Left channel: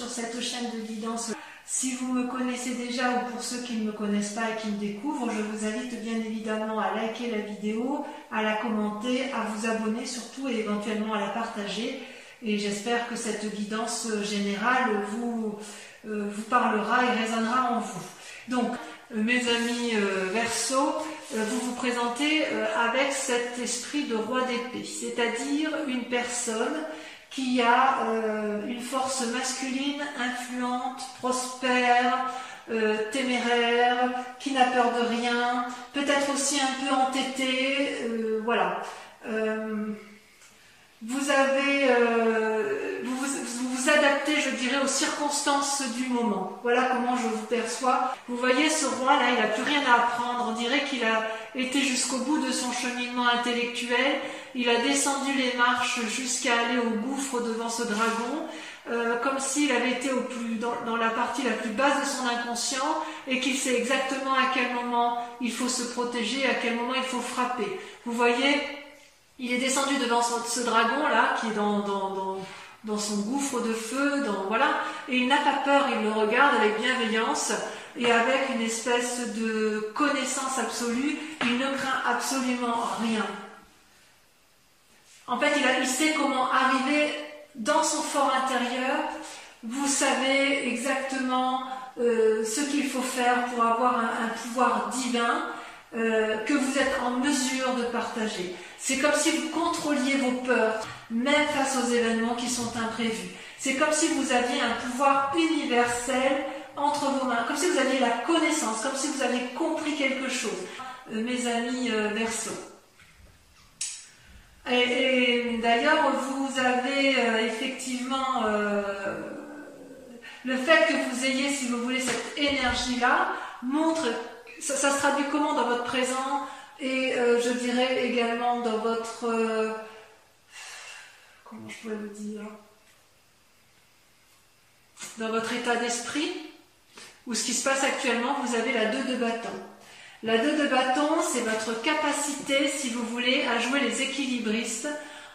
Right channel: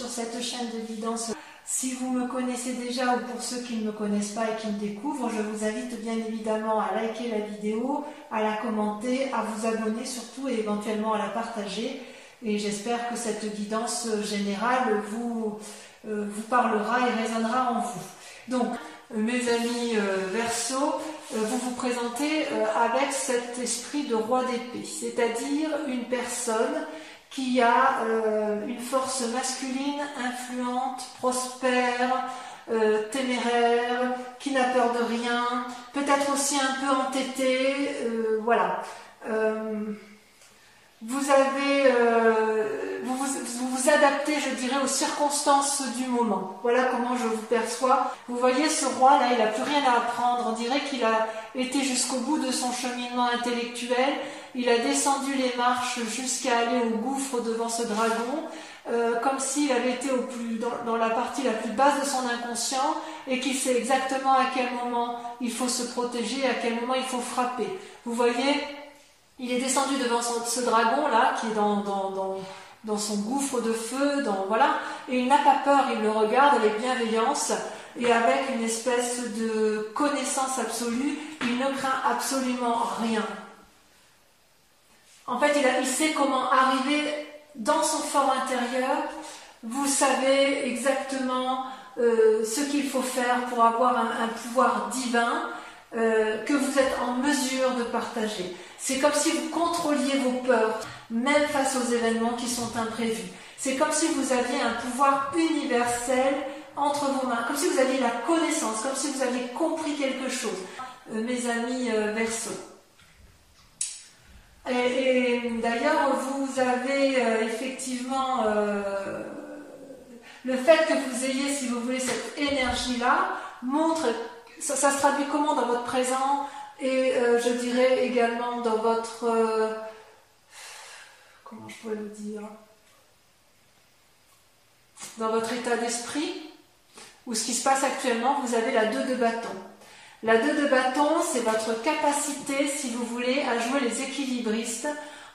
sur cette chaîne de guidance. Si vous me connaissez déjà ou pour ceux qui ne me connaissent pas et qui me découvrent, je vous invite bien évidemment à liker la vidéo, à la commenter, à vous abonner surtout et éventuellement à la partager. Et j'espère que cette guidance générale vous parlera et résonnera en vous. Donc, mes amis Verseau, vous vous présentez avec cet esprit de roi d'épée, c'est-à-dire une personne qui a une force masculine influente, prospère, téméraire, qui n'a peur de rien, peut-être aussi un peu entêtée, voilà. Vous vous adaptez, je dirais, aux circonstances du moment. Voilà comment je vous perçois. Vous voyez, ce roi-là, il n'a plus rien à apprendre. On dirait qu'il a été jusqu'au bout de son cheminement intellectuel. Il a descendu les marches jusqu'à aller au gouffre devant ce dragon, comme s'il avait été dans la partie la plus basse de son inconscient et qu'il sait exactement à quel moment il faut se protéger, à quel moment il faut frapper. Vous voyez, il est descendu devant ce dragon-là, qui est dans son gouffre de feu, voilà, et il n'a pas peur, il le regarde avec bienveillance et avec une espèce de connaissance absolue, il ne craint absolument rien. En fait, il sait comment arriver dans son fort intérieur. Vous savez exactement ce qu'il faut faire pour avoir un pouvoir divin que vous êtes en mesure de partager. C'est comme si vous contrôliez vos peurs, même face aux événements qui sont imprévus. C'est comme si vous aviez un pouvoir universel entre vos mains, comme si vous aviez la connaissance, comme si vous aviez compris quelque chose. Mes amis Verseau. Et d'ailleurs, vous avez effectivement le fait que vous ayez, si vous voulez, cette énergie-là, montre, ça se traduit comment dans votre présent et je dirais également dans votre, comment je pourrais vous dire, dans votre état d'esprit, ou ce qui se passe actuellement, vous avez la 2 de bâton. La 2 de bâton, c'est votre capacité, si vous voulez, à jouer les équilibristes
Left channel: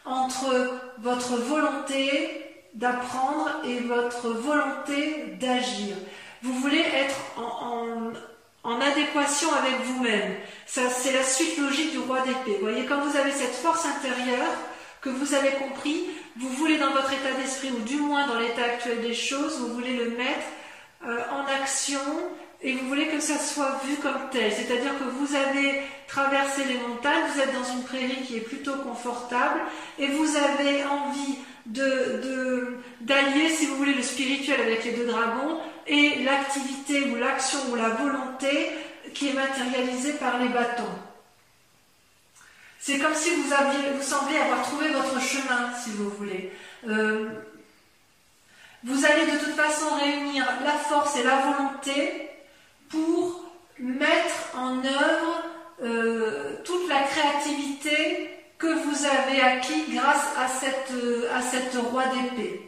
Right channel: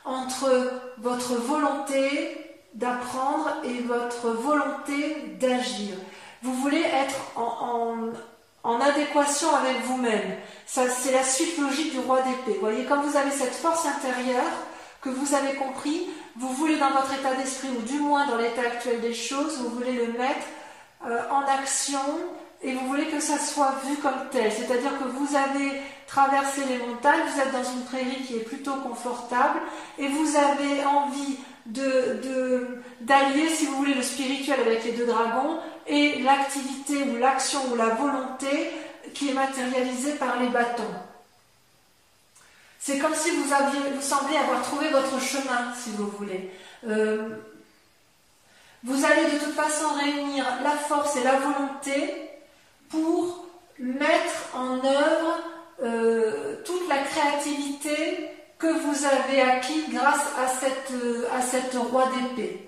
entre votre volonté d'apprendre et votre volonté d'agir. Vous voulez être en adéquation avec vous-même. Ça, c'est la suite logique du roi d'épée. Vous voyez, quand vous avez cette force intérieure que vous avez compris, vous voulez dans votre état d'esprit, ou du moins dans l'état actuel des choses, vous voulez le mettre en action. Et vous voulez que ça soit vu comme tel, c'est-à-dire que vous avez traversé les montagnes, vous êtes dans une prairie qui est plutôt confortable et vous avez envie d'allier, si vous voulez, le spirituel avec les 2 dragons et l'activité ou l'action ou la volonté qui est matérialisée par les bâtons. C'est comme si vous semblez avoir trouvé votre chemin, si vous voulez. Vous allez de toute façon réunir la force et la volonté pour mettre en œuvre toute la créativité que vous avez acquis grâce à cette roi d'épée.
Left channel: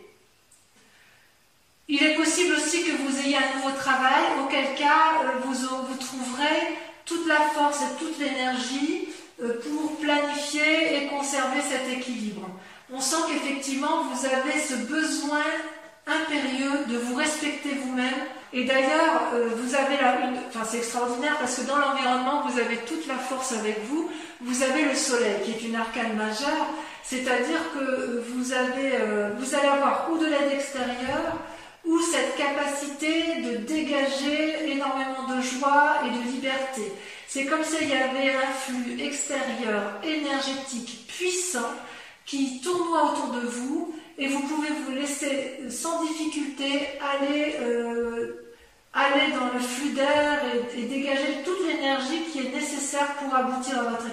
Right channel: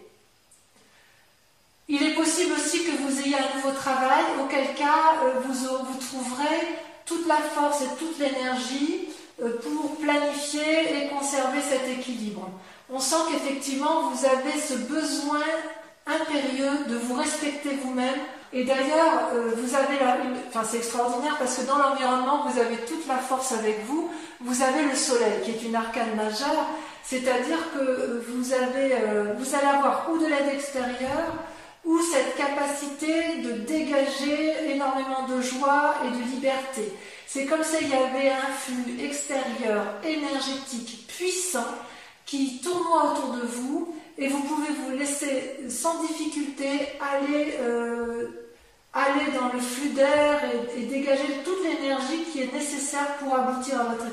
Il est possible aussi que vous ayez un nouveau travail, auquel cas vous trouverez toute la force et toute l'énergie pour planifier et conserver cet équilibre. On sent qu'effectivement vous avez ce besoin impérieux de vous respecter vous-même. Et d'ailleurs, vous avez c'est extraordinaire parce que dans l'environnement, vous avez toute la force avec vous. Vous avez le soleil qui est une arcane majeure, c'est-à-dire que vous allez avoir ou de l'aide extérieure ou cette capacité de dégager énormément de joie et de liberté. C'est comme s'il y avait un flux extérieur énergétique puissant qui tournoie autour de vous. Et vous pouvez vous laisser sans difficulté aller dans le flux d'air et dégager toute l'énergie qui est nécessaire pour aboutir à votre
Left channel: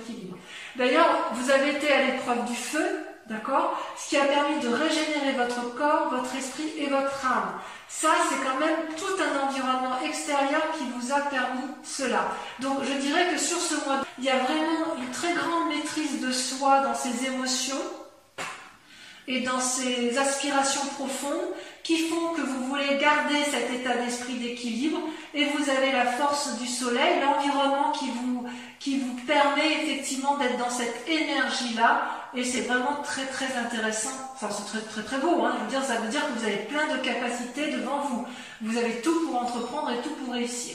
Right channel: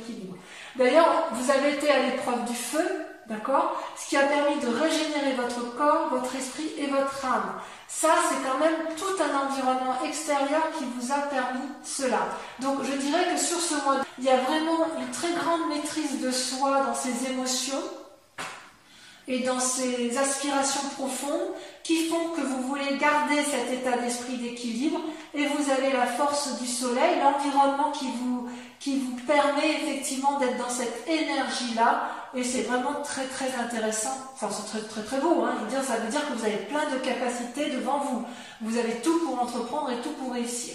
équilibre. D'ailleurs, vous avez été à l'épreuve du feu, d'accord, ce qui a permis de régénérer votre corps, votre esprit et votre âme. Ça, c'est quand même tout un environnement extérieur qui vous a permis cela. Donc, je dirais que sur ce mois, il y a vraiment une très grande maîtrise de soi dans ses émotions et dans ces aspirations profondes qui font que vous voulez garder cet état d'esprit d'équilibre et vous avez la force du soleil, l'environnement qui vous permet effectivement d'être dans cette énergie-là, et c'est vraiment très très intéressant. Enfin, c'est très très très beau, hein. Je veux dire, ça veut dire que vous avez plein de capacités devant vous. Vous avez tout pour entreprendre et tout pour réussir.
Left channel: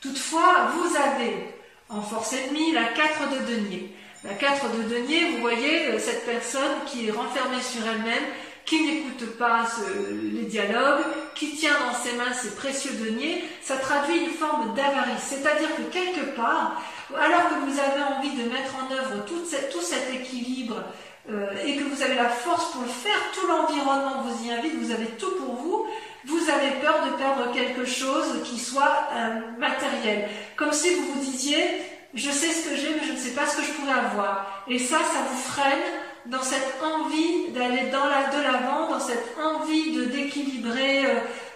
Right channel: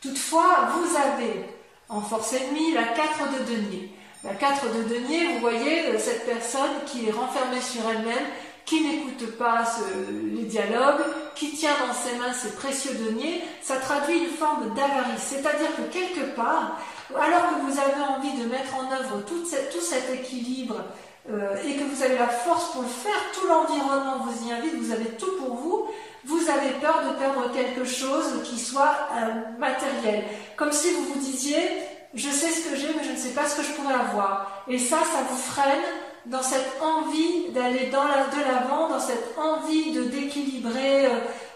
Toutefois, vous avez en force ennemie la 4 de denier. La 4 de denier, vous voyez cette personne qui est renfermée sur elle-même, qui n'écoute pas les dialogues, qui tient dans ses mains ses précieux deniers. Ça traduit une forme d'avarice, c'est-à-dire que quelque part, alors que vous avez envie de mettre en œuvre tout cet équilibre et que vous avez la force pour le faire, tout l'environnement vous y invite, vous avez tout pour vous, vous avez peur de perdre quelque chose qui soit matériel. Comme si vous vous disiez, je sais ce que j'ai, mais je ne sais pas ce que je pourrais avoir. Et ça vous freine dans cette envie d'aller de l'avant, dans cette envie d'équilibrer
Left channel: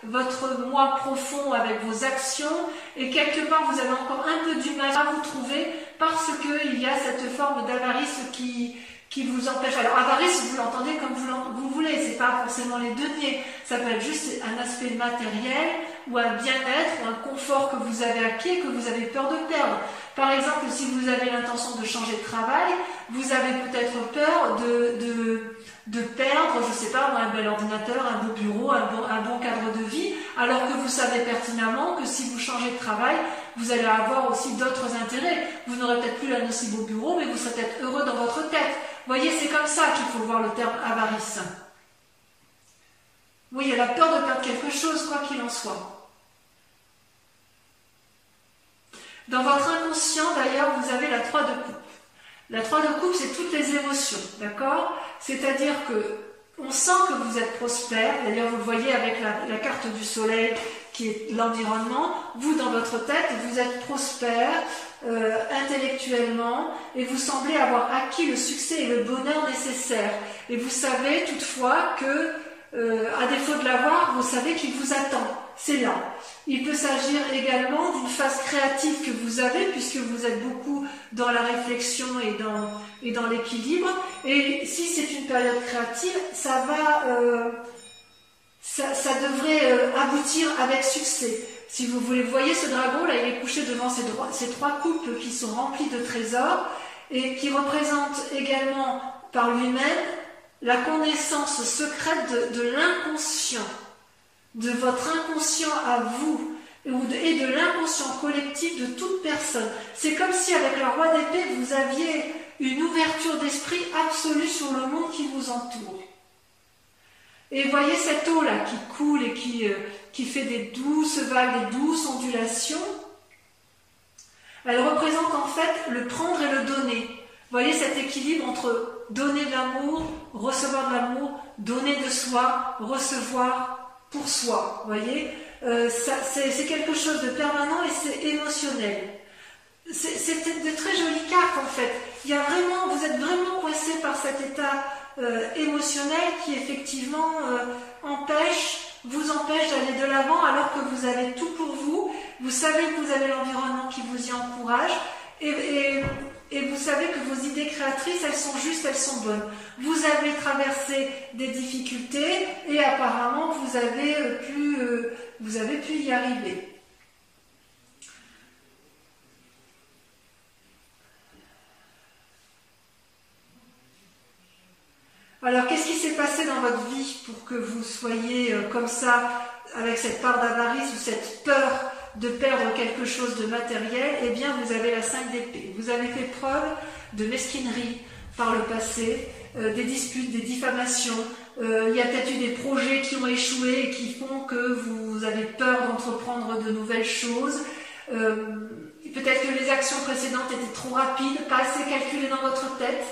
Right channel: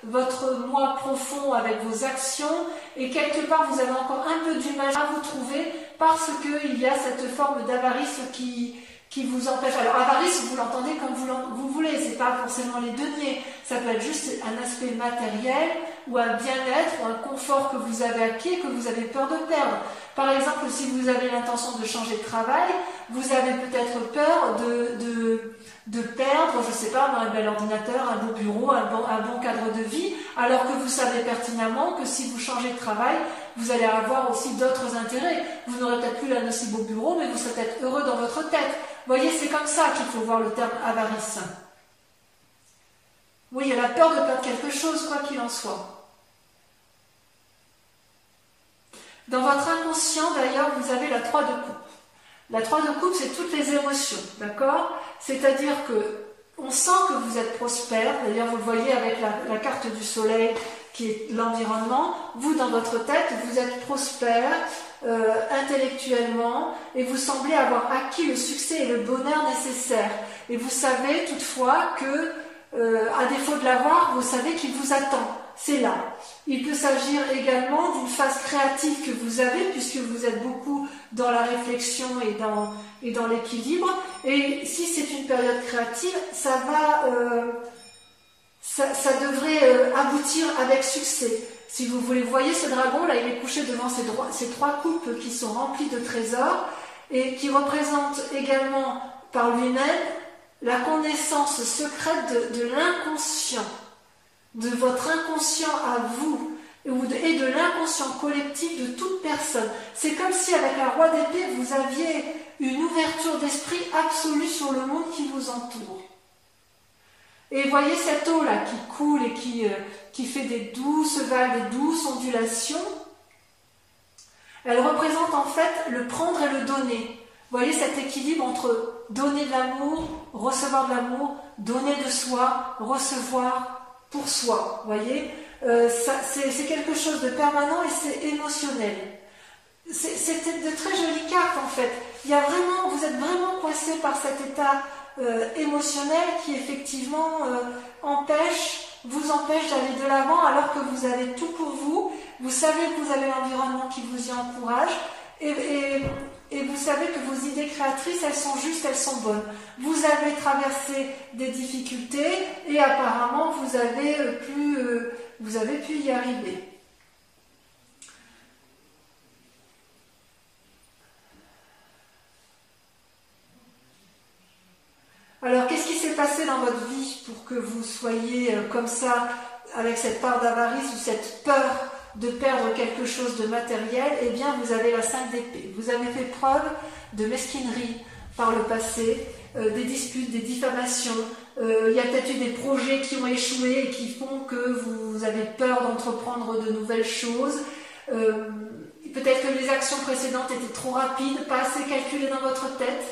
votre moi profond avec vos actions, et quelque part vous avez encore un peu du mal à vous trouver parce qu'il y a cette forme d'avarice qui vous empêche. Alors avarice, vous l'entendez comme vous voulez, c'est pas forcément les deniers, ça peut être juste un aspect matériel ou un bien-être ou un confort que vous avez acquis et que vous avez peur de perdre. Par exemple, si vous avez l'intention de changer de travail, vous avez peut-être peur de perdre, je ne sais pas, un bel ordinateur, un beau bureau, un bon cadre de vie, alors que vous savez pertinemment que si vous changez de travail, vous allez avoir aussi d'autres intérêts. Vous n'aurez peut-être plus un aussi beau bureau, mais vous serez peut-être heureux dans votre tête. Vous voyez, c'est comme ça qu'il faut voir le terme avarice. Oui, il y a la peur de perdre quelque chose, quoi qu'il en soit. Dans votre inconscient, d'ailleurs, vous avez la 3 de coupe. La 3 de coupe, c'est toutes les émotions, d'accord? C'est-à-dire que on sent que vous êtes prospère. D'ailleurs, vous le voyez avec la carte du soleil qui est l'environnement. Vous, dans votre tête, vous êtes prospère intellectuellement et vous semblez avoir acquis le succès et le bonheur nécessaires. Et vous savez toutefois que, à défaut de l'avoir, vous savez qu'il vous attend. C'est là. Il peut s'agir également d'une phase créative que vous avez, puisque vous êtes beaucoup dans la réflexion et dans l'équilibre. Et si c'est une période créative, ça devrait aboutir avec succès. Si vous voyez ce dragon, là, il est couché devant ces 3 coupes qui sont remplies de trésors et qui représentent également par lui-même la connaissance secrète de l'inconscient, de votre inconscient à vous et de l'inconscient collectif de toute personne. C'est comme si avec la roi d'épée, vous aviez une ouverture d'esprit absolue sur le monde qui vous entoure. Et voyez cette eau-là qui coule et qui fait des douces vagues, des douces ondulations. Elle représente en fait le prendre et le donner. Vous voyez cet équilibre entre donner de l'amour, recevoir de l'amour, donner de soi, recevoir pour soi, vous voyez, c'est quelque chose de permanent et c'est émotionnel. C'est de très jolies cartes en fait. Vous êtes vraiment coincé par cet état émotionnel qui effectivement vous empêche d'aller de l'avant alors que vous avez tout pour vous. Vous savez que vous avez l'environnement qui vous y encourage et vous savez que vos idées créatrices, elles sont justes, elles sont bonnes. Vous avez traversé des difficultés et apparemment vous avez pu y arriver. Alors, qu'est-ce qui s'est passé dans votre vie pour que vous soyez comme ça, avec cette part d'avarice ou cette peur de perdre quelque chose de matériel? Eh bien, vous avez la 5 d'épée. Vous avez fait preuve de mesquinerie par le passé, des disputes, des diffamations. Il y a peut-être eu des projets qui ont échoué et qui font que vous avez peur d'entreprendre de nouvelles choses. Peut-être que les actions précédentes étaient trop rapides, pas assez calculées dans votre tête.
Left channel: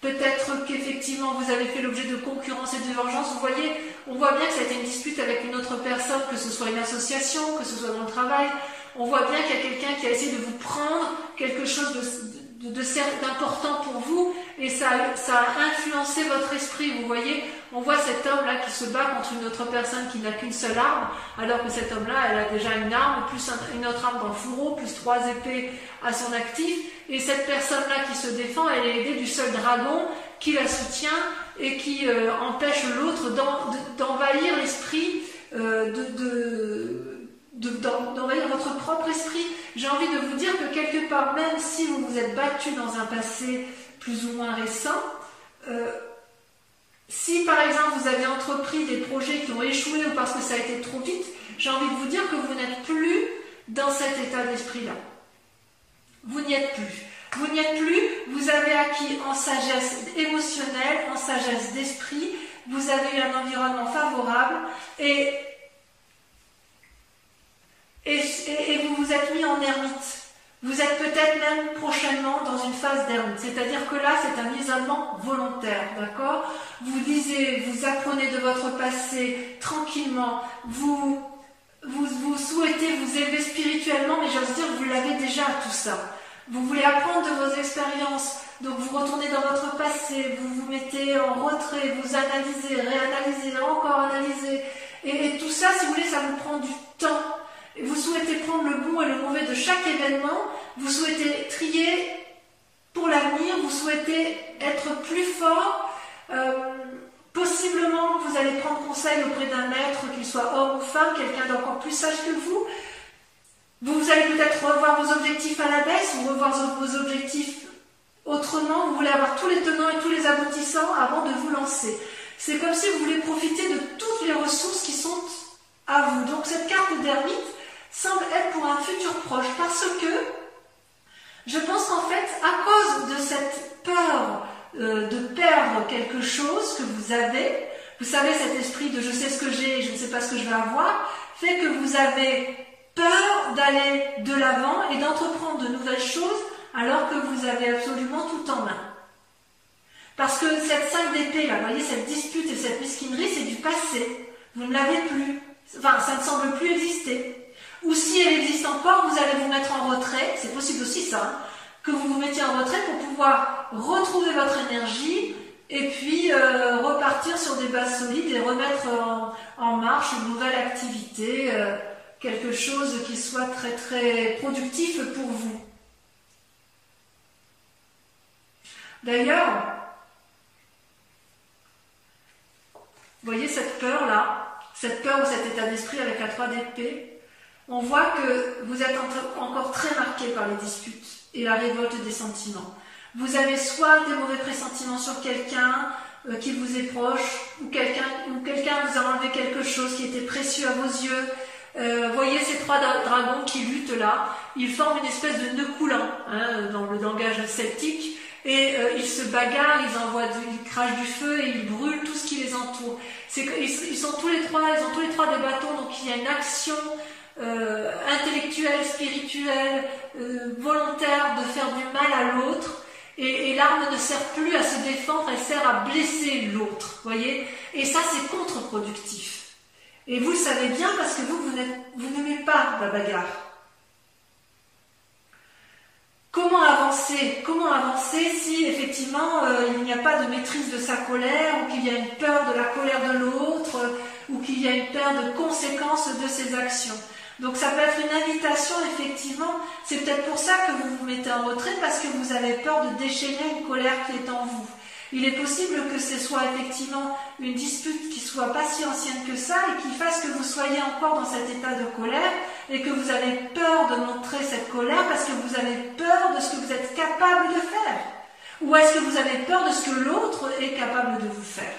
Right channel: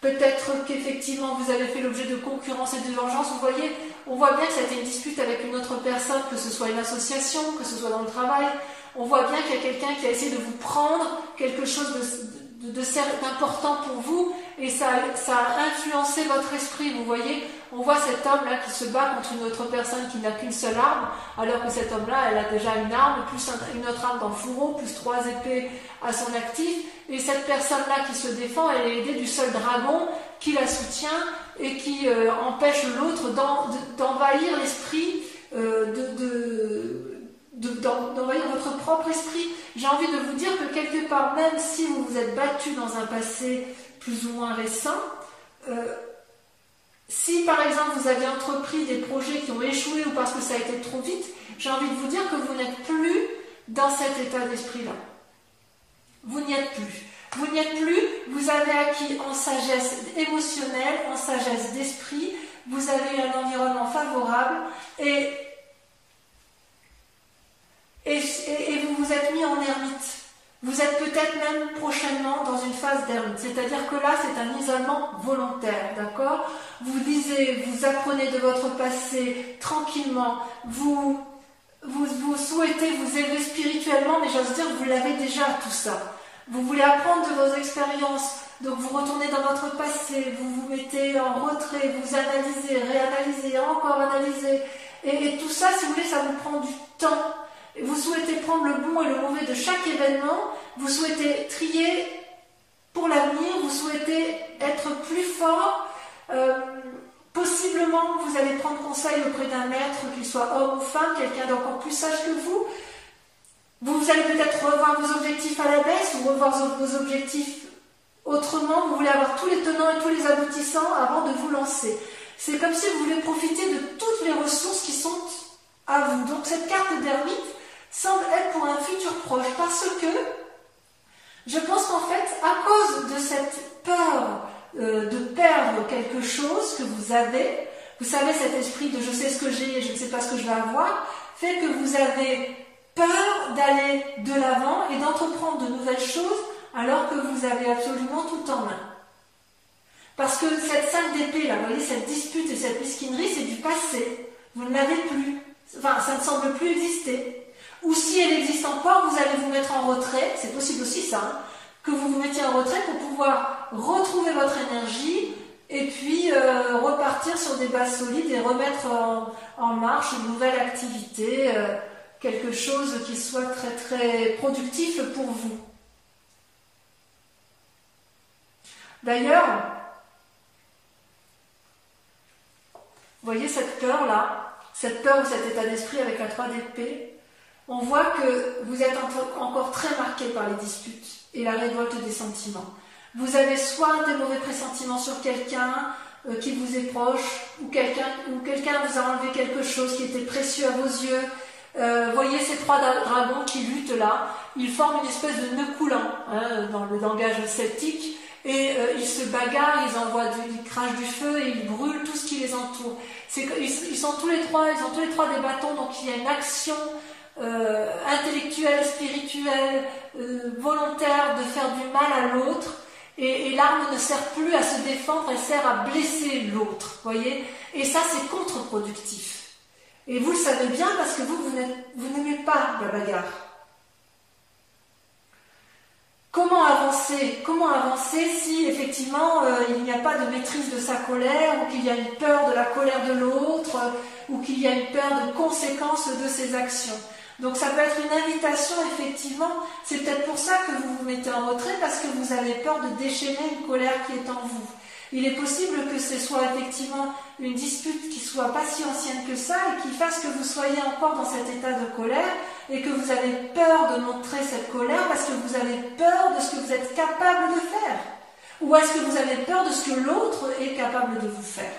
Peut-être qu'effectivement vous avez fait l'objet de concurrence et de vengeance. Vous voyez, on voit bien que ça a été une dispute avec une autre personne, que ce soit une association, que ce soit dans le travail. On voit bien qu'il y a quelqu'un qui a essayé de vous prendre quelque chose d'important pour vous et ça a influencé votre esprit. Vous voyez, on voit cet homme-là qui se bat contre une autre personne qui n'a qu'une seule arme, alors que cet homme-là, elle a déjà une arme, plus une autre arme dans le fourreau, plus 3 épées à son actif. Et cette personne-là qui se défend, elle est aidée du seul dragon qui la soutient et qui empêche l'autre d'envahir l'esprit, d'envahir votre propre esprit. J'ai envie de vous dire que quelque part, même si vous vous êtes battu dans un passé plus ou moins récent, si par exemple vous avez entrepris des projets qui ont échoué ou parce que ça a été trop vite, j'ai envie de vous dire que vous n'êtes plus dans cet état d'esprit-là. Vous n'y êtes plus. Vous n'y êtes plus, vous avez acquis en sagesse émotionnelle, en sagesse d'esprit, vous avez eu un environnement favorable et vous vous êtes mis en ermite. Vous êtes peut-être même prochainement dans une phase d'ermite, c'est-à-dire que là c'est un isolement volontaire, d'accord? Vous lisez, vous apprenez de votre passé tranquillement, vous souhaitez vous élever spirituellement, mais j'ose dire que vous l'avez déjà tout ça. Vous voulez apprendre de vos expériences, donc vous retournez dans votre passé, vous vous mettez en retrait, vous analysez, réanalysez, encore analysez, et tout ça, si vous voulez, ça vous prend du temps. Vous souhaitez prendre le bon et le mauvais de chaque événement, vous souhaitez trier pour l'avenir, vous souhaitez être plus fort, possiblement vous allez prendre conseil auprès d'un maître, qu'il soit homme ou femme, quelqu'un d'encore plus sage que vous. Vous allez peut-être revoir vos objectifs à la baisse ou revoir vos objectifs autrement. Vous voulez avoir tous les tenants et tous les aboutissants avant de vous lancer. C'est comme si vous voulez profiter de toutes les ressources qui sont à vous. Donc cette carte d'ermite semble être pour un futur proche parce que je pense qu'en fait, à cause de cette peur de perdre quelque chose que vous avez, vous savez, cet esprit de je sais ce que j'ai et je ne sais pas ce que je vais avoir, fait que vous avez peur d'aller de l'avant et d'entreprendre de nouvelles choses alors que vous avez absolument tout en main. Parce que cette 5 d'épée, là, vous voyez, cette dispute et cette mesquinerie, c'est du passé. Vous ne l'avez plus. Enfin, ça ne semble plus exister. Ou si elle existe encore, vous allez vous mettre en retrait, c'est possible aussi ça, hein, que vous vous mettiez en retrait pour pouvoir retrouver votre énergie et puis repartir sur des bases solides et remettre en marche une nouvelle activité, quelque chose qui soit très très productif pour vous. D'ailleurs, vous voyez cette peur-là, cette peur ou cet état d'esprit avec la 3 d'épée, on voit que vous êtes encore très marqué par les disputes et la révolte des sentiments. Vous avez soit des mauvais pressentiments sur quelqu'un qui vous est proche, ou quelqu'un vous a enlevé quelque chose qui était précieux à vos yeux. Voyez ces 3 dragons qui luttent là, ils forment une espèce de nœud coulant hein, dans le langage celtique. Et ils se bagarrent, ils crachent du feu et ils brûlent tout ce qui les entoure. Ils sont tous les trois, ils ont tous les 3 des bâtons, donc il y a une action intellectuelle, spirituelle, volontaire de faire du mal à l'autre. Et l'arme ne sert plus à se défendre, elle sert à blesser l'autre, voyez. Et ça, c'est contre-productif. Et vous le savez bien parce que vous n'aimez pas la bagarre. Comment avancer si effectivement il n'y a pas de maîtrise de sa colère ou qu'il y a une peur de la colère de l'autre ou qu'il y a une peur de conséquences de ses actions. Donc ça peut être une invitation effectivement, c'est peut-être pour ça que vous vous mettez en retrait parce que vous avez peur de déchaîner une colère qui est en vous. Il est possible que ce soit effectivement une dispute qui soit pas si ancienne que ça et qui fasse que vous soyez encore dans cet état de colère et que vous avez peur de montrer cette colère parce que vous avez peur de ce que vous êtes capable de faire. Ou est-ce que vous avez peur de ce que l'autre est capable de vous faire?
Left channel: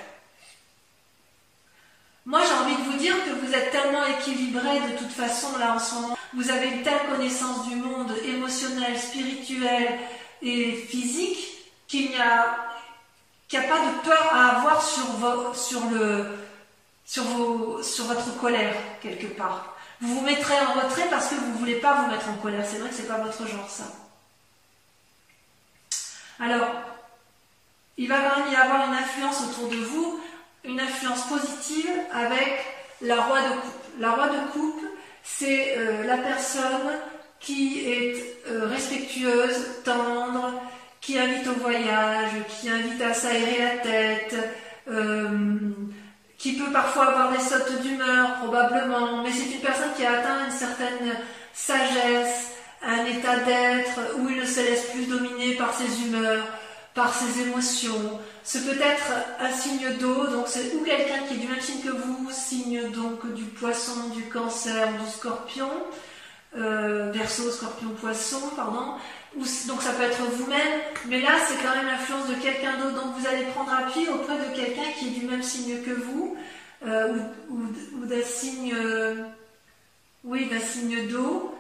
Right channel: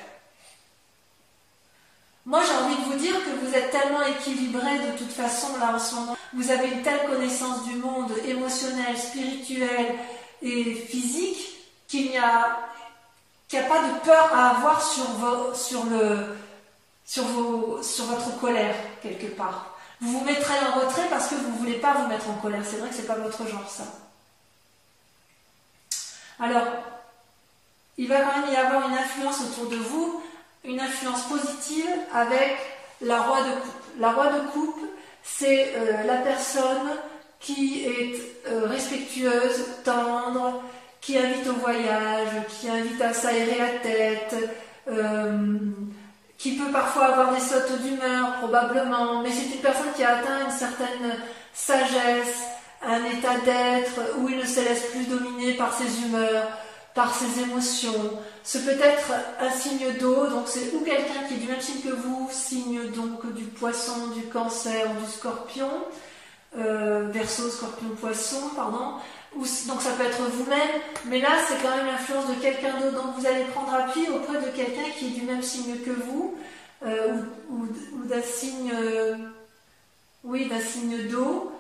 Moi, j'ai envie de vous dire que vous êtes tellement équilibré de toute façon là en ce moment. Vous avez une telle connaissance du monde émotionnel, spirituel et physique qu'il n'y a pas de peur à avoir sur votre colère quelque part. Vous vous mettrez en retrait parce que vous ne voulez pas vous mettre en colère. C'est vrai que ce n'est pas votre genre ça. Alors, il va quand même y avoir une influence autour de vous, une influence positive avec la roi de coupe. La roi de coupe, c'est la personne qui est respectueuse, tendre, qui invite au voyage, qui invite à s'aérer la tête, qui peut parfois avoir des sautes d'humeur, probablement, mais c'est une personne qui a atteint une certaine sagesse, un état d'être où il ne se laisse plus dominer par ses humeurs, par ses émotions. C'est peut-être un signe d'eau, donc c'est ou quelqu'un qui est du même signe que vous, signe donc du poisson, du cancer ou du scorpion, Verseau, scorpion, poisson, pardon. Donc ça peut être vous-même, mais là c'est quand même l'influence de quelqu'un d'autre, donc vous allez prendre appui auprès de quelqu'un qui est du même signe que vous, ou d'un signe, oui, d'un signe d'eau.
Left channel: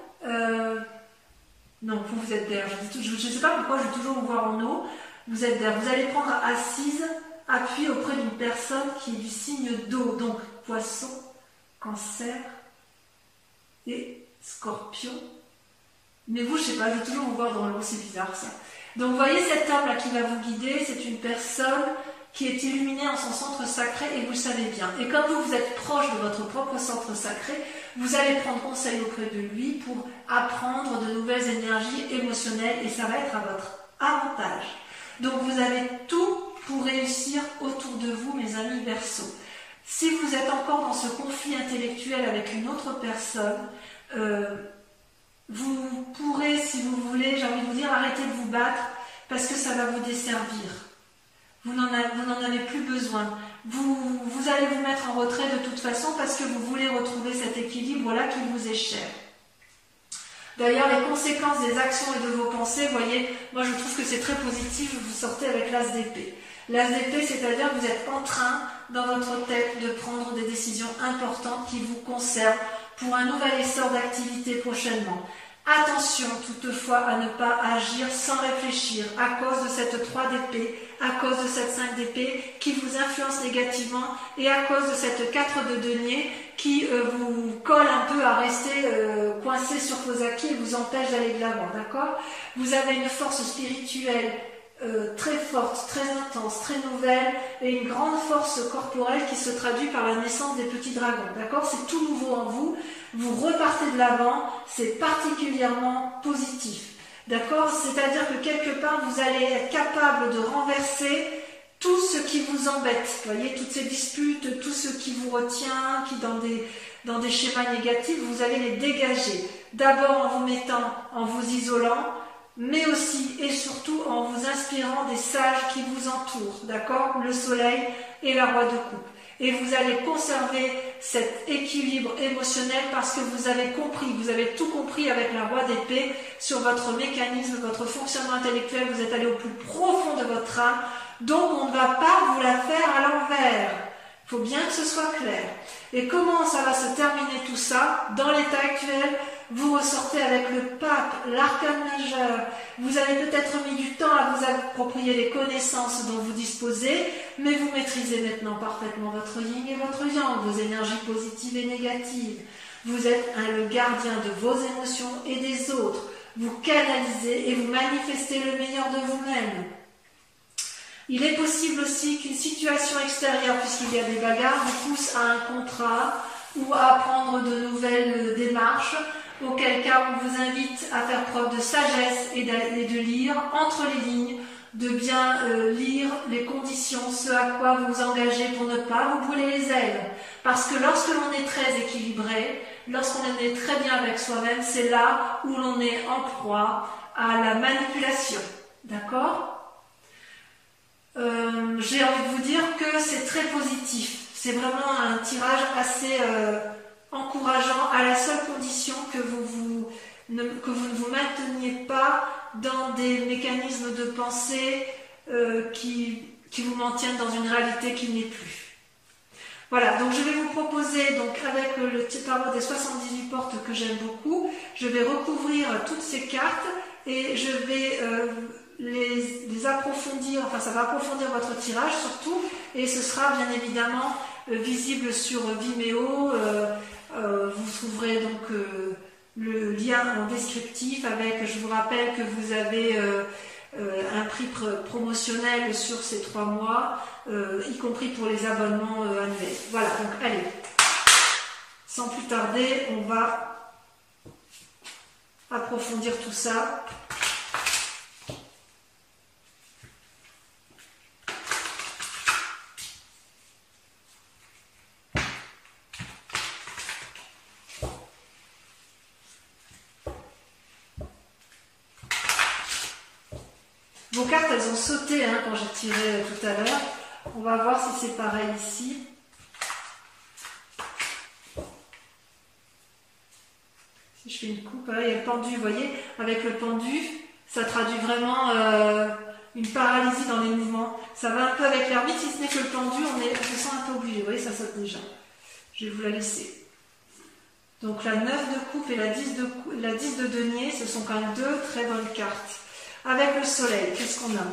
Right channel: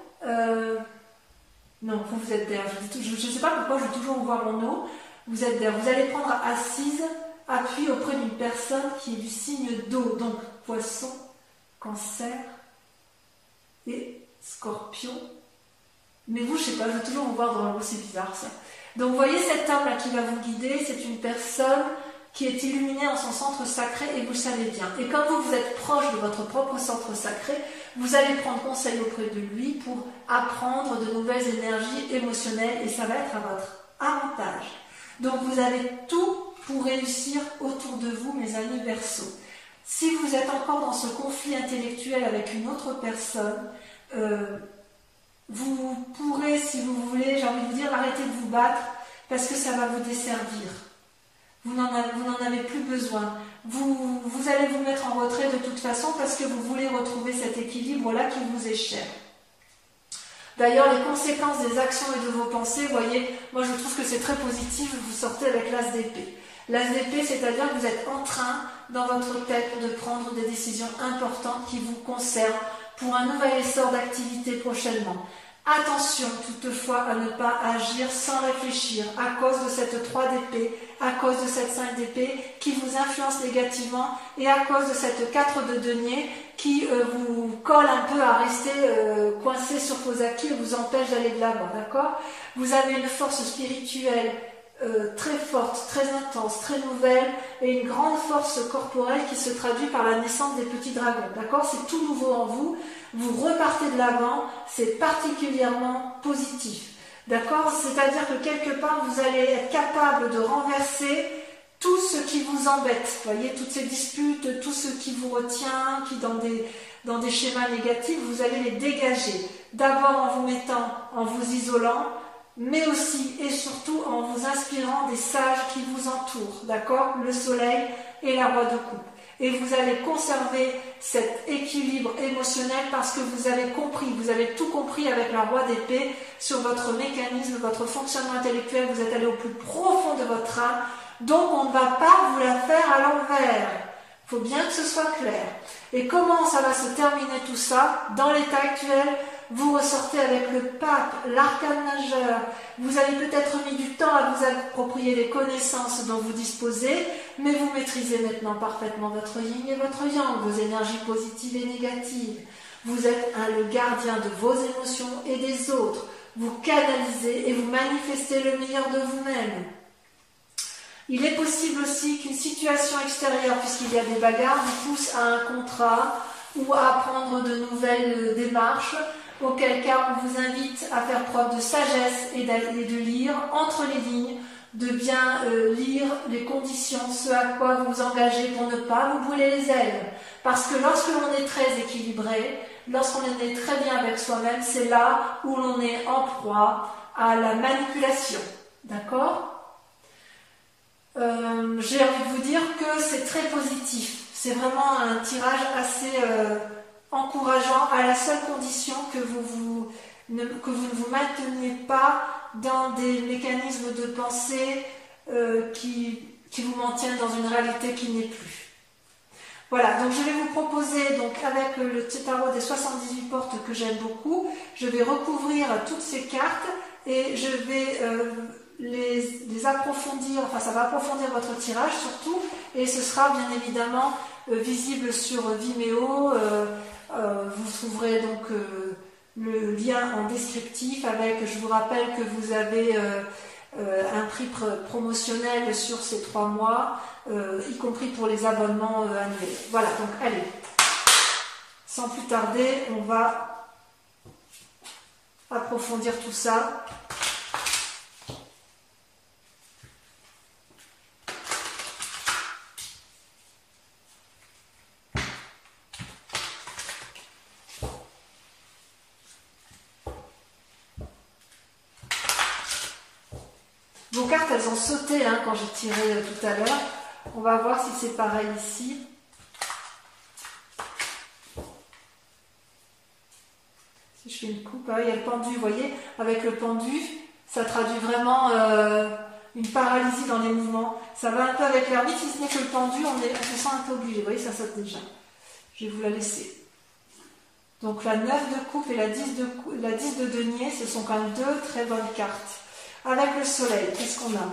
Non, vous êtes d'air. Je ne sais pas pourquoi je vais toujours vous voir en eau. Vous êtes d'air. Vous allez prendre assise, appui auprès d'une personne qui est du signe d'eau, donc poisson, cancer et scorpion. Mais vous, je sais pas, je vais toujours vous voir dans l'eau, c'est bizarre ça. Donc vous voyez cet homme-là qui va vous guider, c'est une personne qui est illuminée en son centre sacré et vous le savez bien. Et comme vous êtes proche de votre propre centre sacré, vous allez prendre conseil auprès de lui pour apprendre de nouvelles énergies émotionnelles et ça va être à votre avantage. Donc vous avez tout pour réussir autour de vous, mes amis Verseau. Si vous êtes encore dans ce conflit intellectuel avec une autre personne, vous pourrez, si vous voulez, j'ai envie de vous dire, arrêter de vous battre parce que ça va vous desservir. Vous n'en avez plus besoin. Vous allez vous mettre en retrait de toute façon parce que vous voulez retrouver cet équilibre-là qui vous est cher. D'ailleurs, les conséquences des actions et de vos pensées, vous voyez, moi je trouve que c'est très positif, vous sortez avec l'as d'épée. L'as d'épée, c'est-à-dire que vous êtes en train, dans votre tête, de prendre des décisions importantes qui vous concernent pour un nouvel essor d'activité prochainement. Attention toutefois à ne pas agir sans réfléchir à cause de cette 3 d'épée, à cause de cette 5 d'épée qui vous influence négativement et à cause de cette 4 de denier qui vous colle un peu à rester coincé sur vos acquis et vous empêche d'aller de l'avant, d'accord? Vous avez une force spirituelle très forte, très intense, très nouvelle et une grande force corporelle qui se traduit par la naissance des petits dragons, d'accord? C'est tout nouveau en vous, vous repartez de l'avant, c'est particulièrement positif, d'accord? C'est-à-dire que quelque part vous allez être capable de renverser tout ce qui vous embête, vous voyez, toutes ces disputes, tout ce qui vous retient, qui dans des schémas négatifs, vous allez les dégager, d'abord en vous mettant, en vous isolant, mais aussi et surtout en vous inspirant des sages qui vous entourent, d'accord? Le soleil et la roi de coupe. Et vous allez conserver cet équilibre émotionnel parce que vous avez compris, vous avez tout compris avec la roi d'épée sur votre mécanisme, votre fonctionnement intellectuel, vous êtes allé au plus profond de votre âme, donc on ne va pas vous la faire à l'envers. Il faut bien que ce soit clair. Et comment ça va se terminer tout ça? Dans l'état actuel, vous ressortez avec le pape, l'arcane majeur. Vous avez peut-être mis du temps à vous approprier les connaissances dont vous disposez, mais vous maîtrisez maintenant parfaitement votre yin et votre yang, vos énergies positives et négatives. Vous êtes le gardien de vos émotions et des autres. Vous canalisez et vous manifestez le meilleur de vous-même. Il est possible aussi qu'une situation extérieure, puisqu'il y a des bagarres, vous pousse à un contrat ou à prendre de nouvelles démarches, auquel cas on vous invite à faire preuve de sagesse et de lire entre les lignes, de bien lire les conditions, ce à quoi vous vous engagez pour ne pas vous brûler les ailes. Parce que lorsque l'on est très équilibré, lorsqu'on est très bien avec soi-même, c'est là où l'on est en proie à la manipulation. D'accord ? J'ai envie de vous dire que c'est très positif. C'est vraiment un tirage assez encourageant à la seule condition que vous ne vous mainteniez pas dans des mécanismes de pensée qui vous maintiennent dans une réalité qui n'est plus. Voilà, donc je vais vous proposer, donc avec le tarot des 78 portes que j'aime beaucoup, je vais recouvrir toutes ces cartes et je vais les approfondir, enfin ça va approfondir votre tirage surtout, et ce sera bien évidemment visible sur Vimeo. Vous trouverez donc le lien en descriptif avec, je vous rappelle que vous avez un prix promotionnel sur ces 3 mois, y compris pour les abonnements annuels. Voilà, donc allez, sans plus tarder, on va approfondir tout ça. vos cartes, elles ont sauté hein, quand j'ai tiré tout à l'heure. On va voir si c'est pareil ici. Si je fais une coupe, il y a le pendu, vous voyez, avec le pendu, ça traduit vraiment une paralysie dans les mouvements. Ça va un peu avec l'ermite, si ce n'est que le pendu, on se sent un peu obligé. Vous voyez, ça saute déjà. Je vais vous la laisser. Donc la 9 de coupe et la 10 de denier, ce sont quand même deux très bonnes cartes. Avec le soleil, qu'est-ce qu'on a?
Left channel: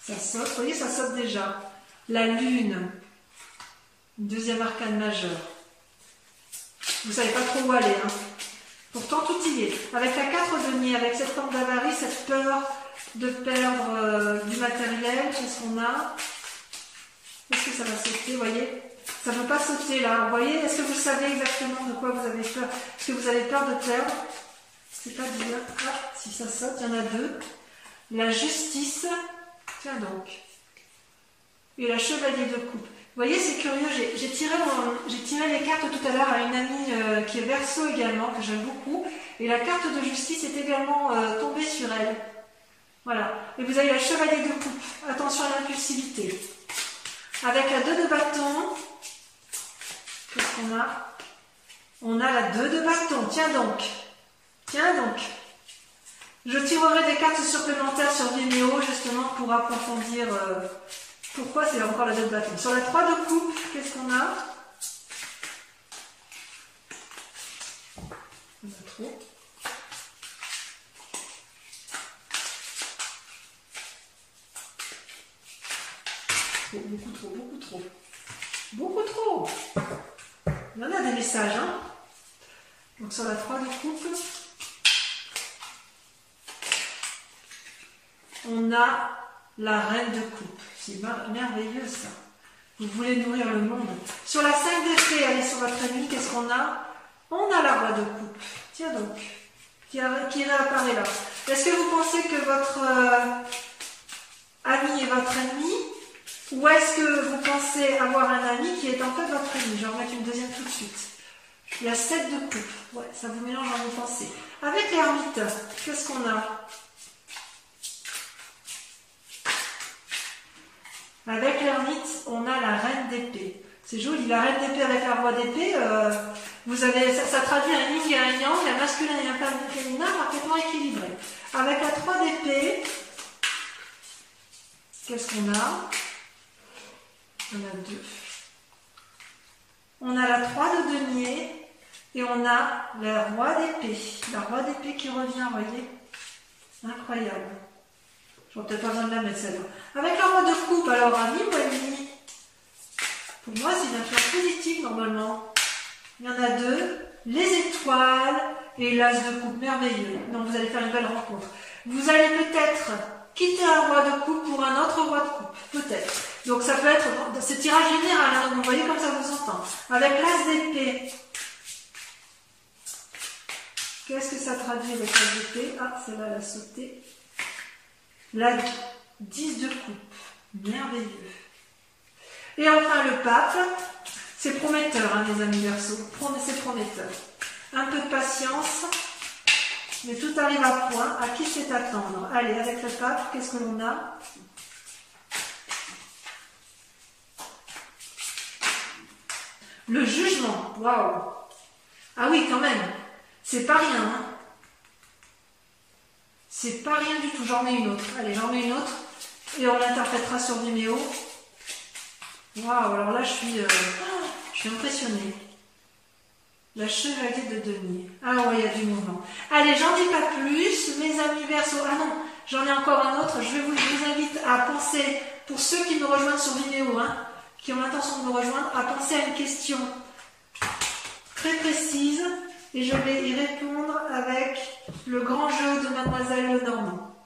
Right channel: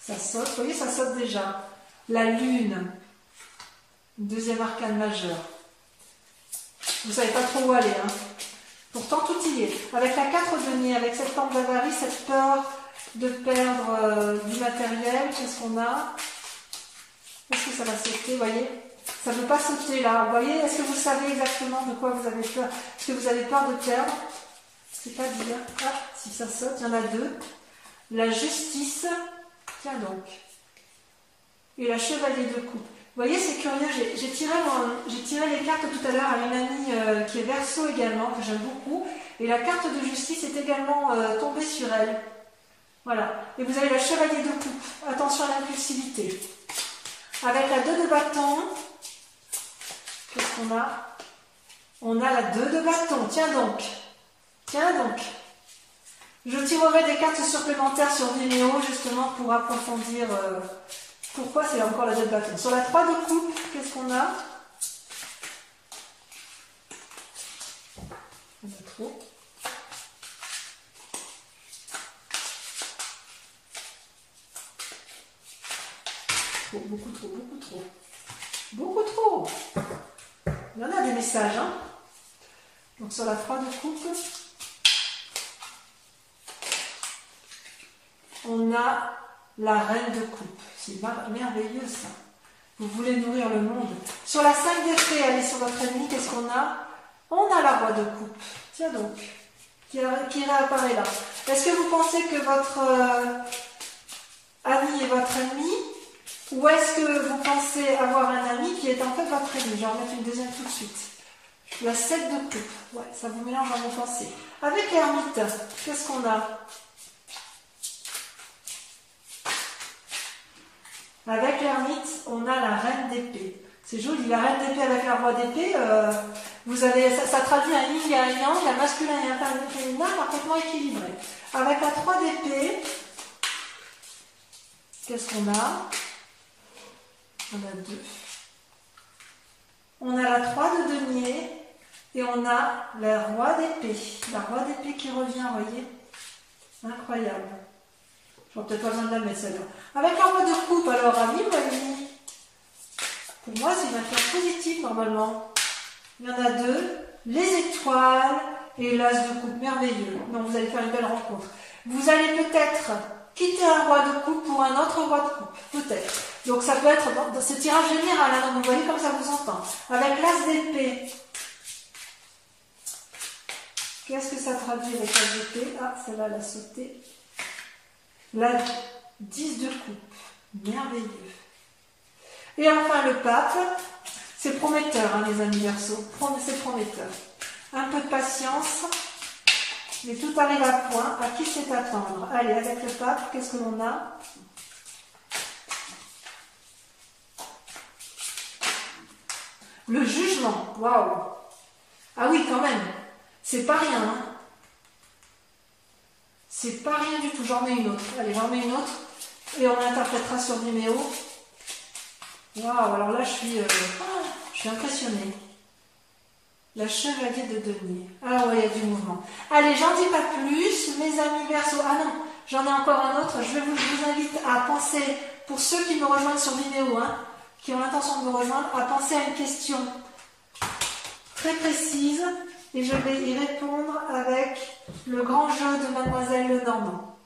Ça saute, vous voyez, ça saute déjà. La lune, deuxième arcane majeur. Vous ne savez pas trop où aller. Hein. Pourtant, tout y est. Avec la 4 de denier, avec cette forme d'avarie, cette peur de perdre du matériel, qu'est-ce qu'on a? Est-ce que ça va sauter, vous voyez? Ça ne peut pas sauter là. Vous voyez, est-ce que vous savez exactement de quoi vous avez peur? Est-ce que vous avez peur de perdre? C'est pas dire. Ah, si ça saute, il y en a deux. La justice, tiens donc. Et la chevalier de coupe. Vous voyez, c'est curieux, j'ai tiré les cartes tout à l'heure à une amie qui est Verseau également, que j'aime beaucoup. Et la carte de justice est également tombée sur elle. Voilà. Et vous avez la chevalier de coupe. Attention à l'impulsivité. Avec la 2 de bâton, qu'est-ce qu'on a? On a la 2 de bâton. Tiens donc. Tiens donc. Je tirerai des cartes supplémentaires sur Vimeo justement pour approfondir pourquoi c'est encore la 2 de bâton. Sur la 3 de coupe, qu'est-ce qu'on a? On a trop. Oh, beaucoup trop, beaucoup trop. Beaucoup trop. Il y en a des messages, hein. Donc sur la 3 de coupe, on a la reine de coupe. C'est merveilleux ça. Vous voulez nourrir le monde. Sur la 5 d'épée, allez sur votre ennemi, qu'est-ce qu'on a? On a la roi de coupe. Tiens donc, qui réapparaît là. Est-ce que vous pensez que votre ami est votre ennemi? Ou est-ce que vous pensez avoir un ami qui est en fait votre ennemi? Je vais en remettre une deuxième tout de suite. Il y a 7 de coupe. Ouais, ça vous mélange dans vos pensées. Avec l'ermite, qu'est-ce qu'on a? Avec l'ermite, on a la reine d'épée. C'est joli, la reine d'épée avec la roi d'épée. Vous avez, ça traduit un yin et un yang, un masculin et un féminin parfaitement équilibré. Avec la 3 d'épée, qu'est-ce qu'on a? On a 2. On a la 3 de denier et on a la roi d'épée. La roi d'épée qui revient, vous voyez? Incroyable. Je n'aurai peut-être pas besoin de la mettre celle-là. Avec la roi de coupe, alors ami ou ennemi? Pour moi, c'est une influence positive normalement. Il y en a 2. Les étoiles et l'as de coupe. Merveilleux. Donc vous allez faire une belle rencontre. Vous allez peut-être quitter un roi de coupe pour un autre roi de coupe. Peut-être. Donc ça peut être, bon, c'est tirage général, hein, donc vous voyez comme ça vous entend. Avec l'as d'épée, qu'est-ce que ça traduit avec l'as d'épée? Ah, celle-là, elle a sauté. La 10 de coupe, merveilleux. Et enfin le pape, c'est prometteur, hein, les amis Verseaux, c'est prometteur. Un peu de patience, mais tout arrive à point. À qui c'est attendre? Allez, avec le pape, qu'est-ce que l'on a? Le jugement, waouh! Ah oui, quand même, c'est pas rien, hein. C'est pas rien du tout, j'en mets une autre. Allez, j'en mets une autre et on l'interprétera sur Vimeo. Waouh, alors là je suis impressionnée. La chevalier de denier. Ah ouais, il y a du mouvement. Allez, j'en dis pas plus, mes amis Verseaux. Ah non, j'en ai encore un autre. Je vous invite à penser, pour ceux qui nous rejoignent sur Vimeo, hein, qui ont l'intention de nous rejoindre, à penser à une question très précise. Et je vais y répondre avec le grand jeu de Mademoiselle Lenormand.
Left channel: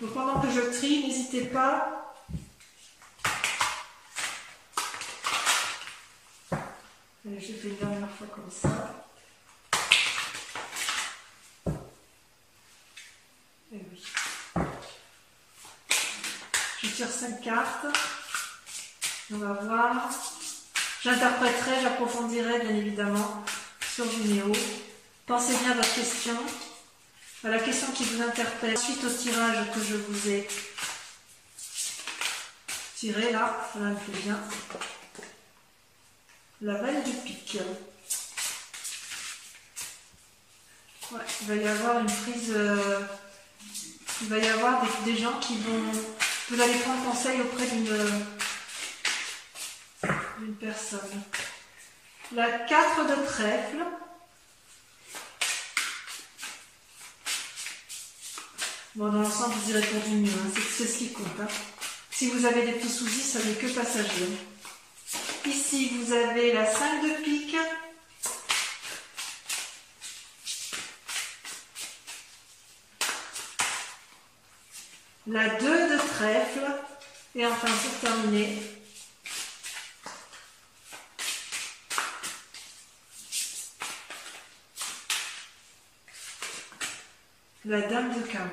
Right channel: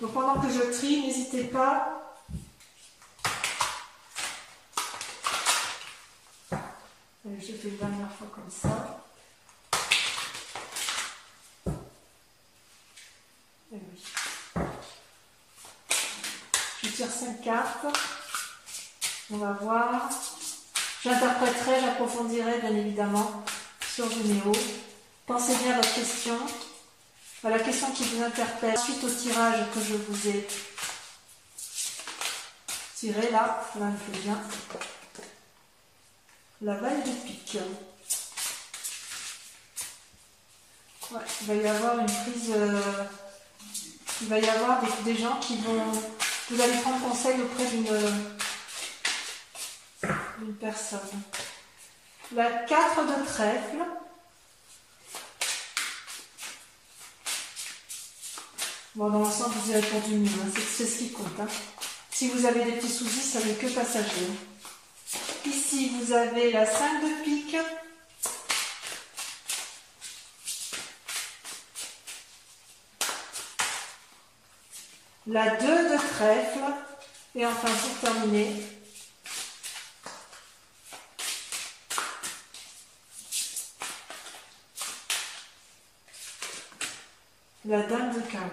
Donc pendant que je trie, n'hésitez pas. Allez, je fais une dernière fois comme ça. Et oui. Je tire 5 cartes. On va voir. J'interpréterai, j'approfondirai bien évidemment sur Vimeo. Pensez bien à votre question, à la question qui vous interpelle, suite au tirage que je vous ai tiré là, cela me plaît bien. La Valle de pique. Ouais, il va y avoir une prise, il va y avoir des gens qui vont, vous allez prendre conseil auprès d'une personne. La 4 de trèfle. Bon, dans l'ensemble, vous y répondez mieux, hein. C'est ce qui compte. Hein. Si vous avez des petits soucis, ça n'est que passager. Ici, vous avez la 5 de pique. La 2 de trèfle. Et enfin, pour terminer, la dame de carreau.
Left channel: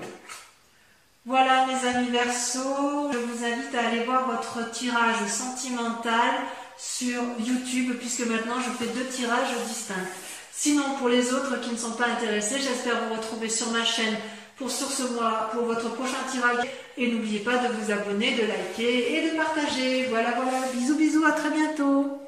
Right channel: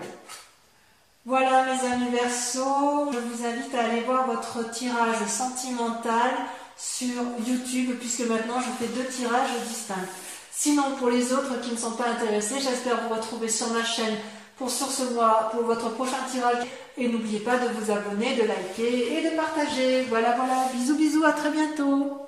Voilà mes amis Verseau, je vous invite à aller voir votre tirage sentimental sur YouTube puisque maintenant je fais 2 tirages distincts. Sinon pour les autres qui ne sont pas intéressés, j'espère vous retrouver sur ma chaîne pour votre prochain tirage et n'oubliez pas de vous abonner, de liker et de partager. Voilà, bisous, à très bientôt.